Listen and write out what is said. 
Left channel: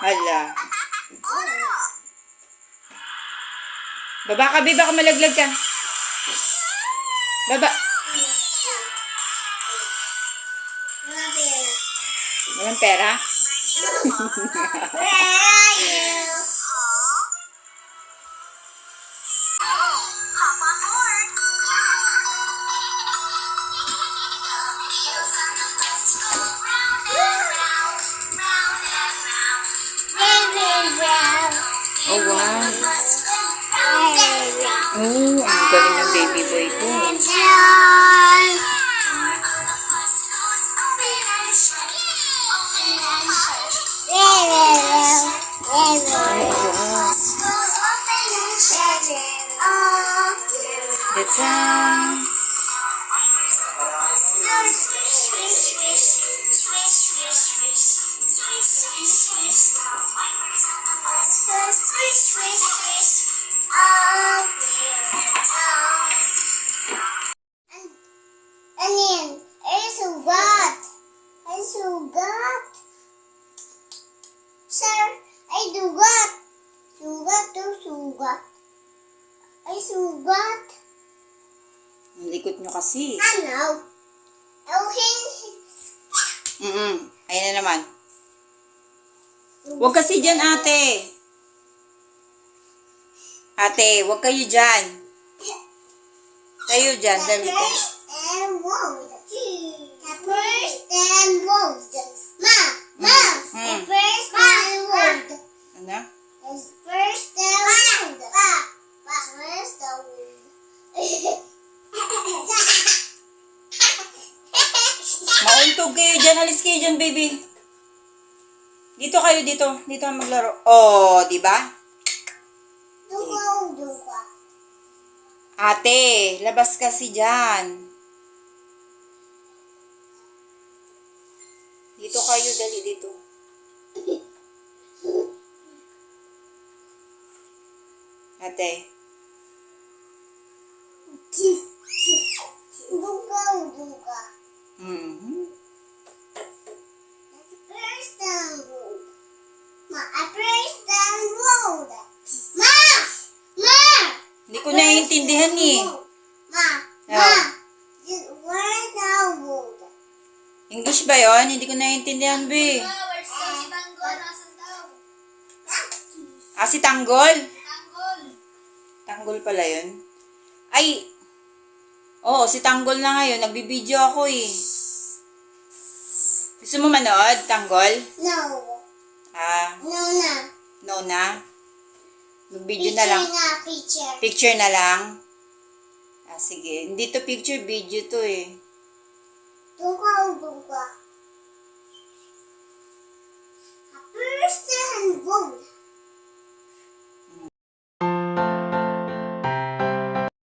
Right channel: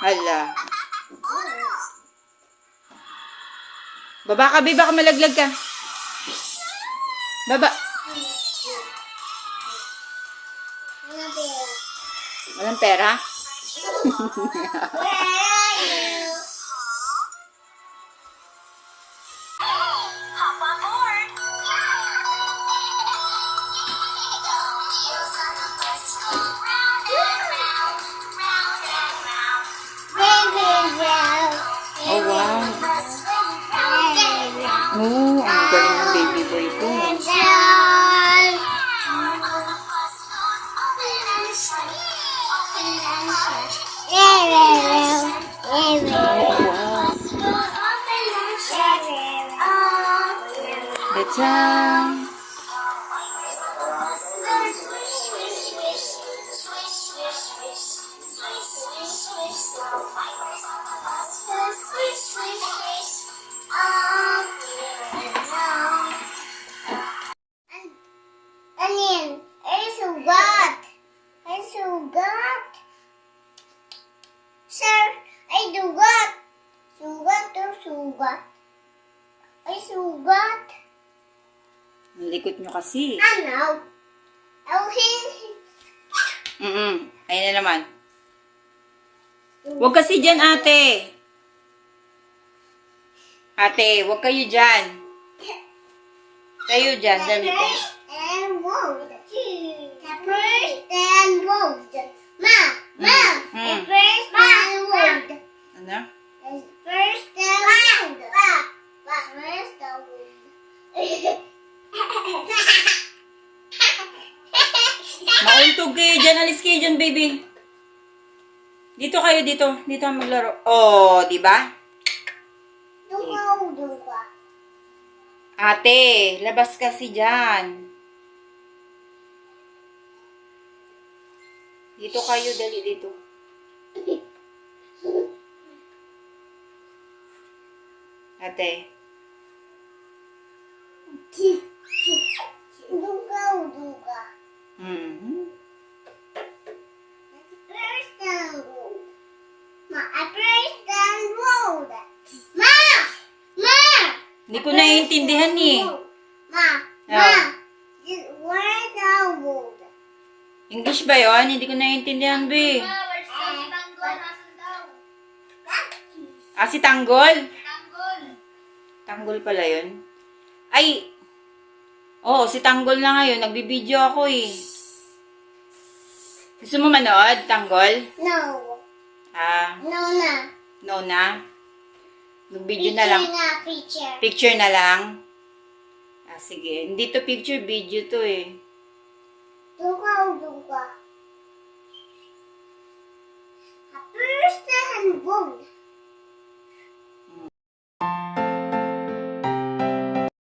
Hala. Baba ka, babe. Baka malaglag ka. Baba. Walang pera? Where are you? Hop on board. Oh, wow. Oh, ang galing ng baby boy ko. Oh, wow. That's Onion, ay sugat. Ay sugat. Sir, ay dugat. Sugat to sugat. Ay sugat. ang likot nyo kasi. Ano? Okay. Ayan na naman. Huwag kasi dyan, ate. Ate, huwag kayo dyan. Tayo dyan, dali tayo. First and wound. First and wound. Ma. First and wound. Ano? First and wound. First and wound. Mauntog kayo dyan. Alis kayo dyan, baby. Dito kayo, dito. Dito ang maglaro. Oh, di ba? Duga. Ate, labas kasi dyan. Dito kayo, dali dito. Ate. Duga. Mhm. First and wound. First and wound. Ma. Hindi ko naiintindihan eh. Ma. Oh. Where's the wound? English ba yon? Hindi ko naiintindihan, be. Ah, si Tanggol? Tanggol pala yun. Ay, oo, si Tanggol na ngayon. Nagbibideo ako eh. Gusto mo manood, Tanggol? No. Ah, No na. no na. Mag-video na lang. Picture. Picture na lang. Ah, sige. Hindi to picture, video to eh.